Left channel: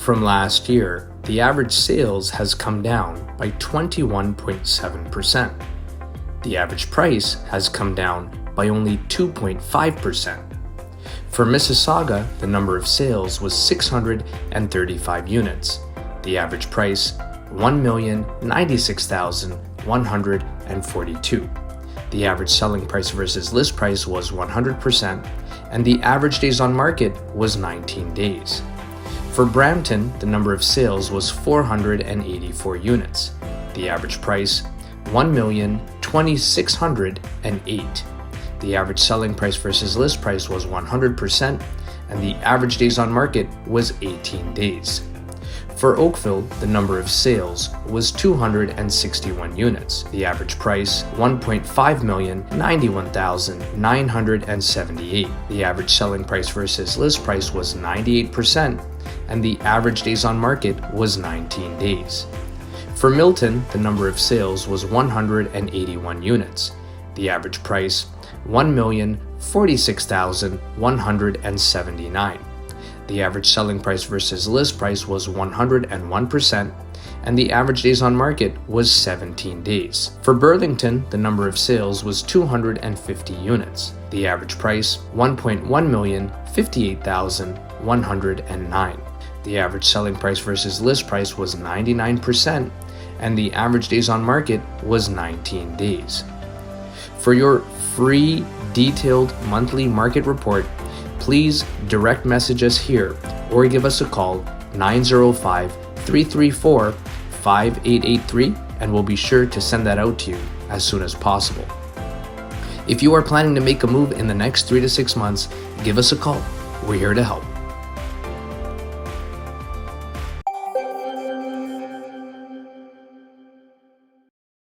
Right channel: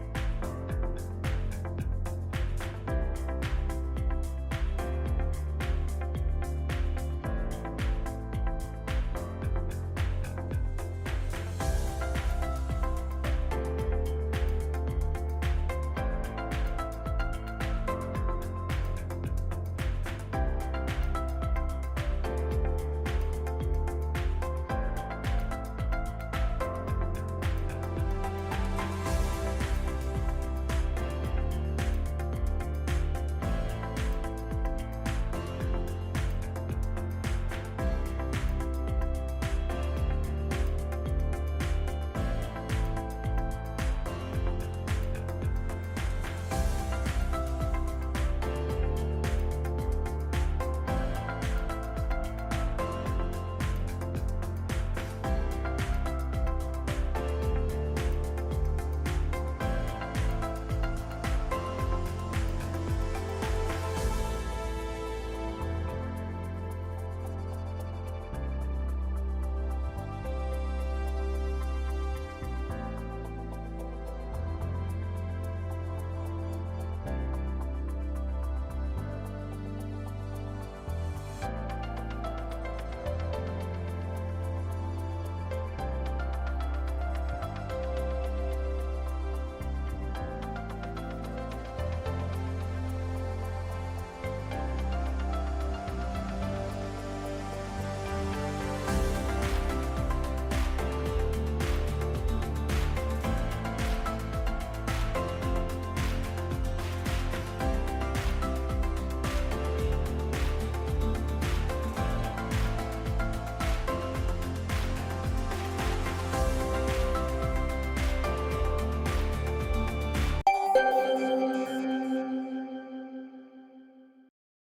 From last year, the average sales has come down by 21.7%. The average price has come down by only 2.5%. For Mississauga, the number of sales was 635 units. The average price, $1,096,142. The average selling price versus list price was 100%, and the average days on market was 19 days. For Brampton, the number of sales was 484 units. The average price, $1,206,008. The average selling price versus list price was 100%, and the average days on market was 18 days. For Oakville, the number of sales was 261 units. The average price, $1,591,978. The average selling price versus list price was 98%, and the average days on market was 19 days. For Milton, the number of sales was 181 units. The average price, $1,046,179. The average selling price versus list price was 101%, and the average days on market was 17 days. For Burlington, the number of sales was 250 units. The average price, $1,158,109. The average selling price versus list price was 99%, and the average days on market was 19 days. For your free, detailed monthly market report, please direct message us here or give us a call 905-334-5883, and we'll be sure to send that out to you as soon as possible. If you are planning to make a move in the next 3 to 6 months, give us a call. We're here to help.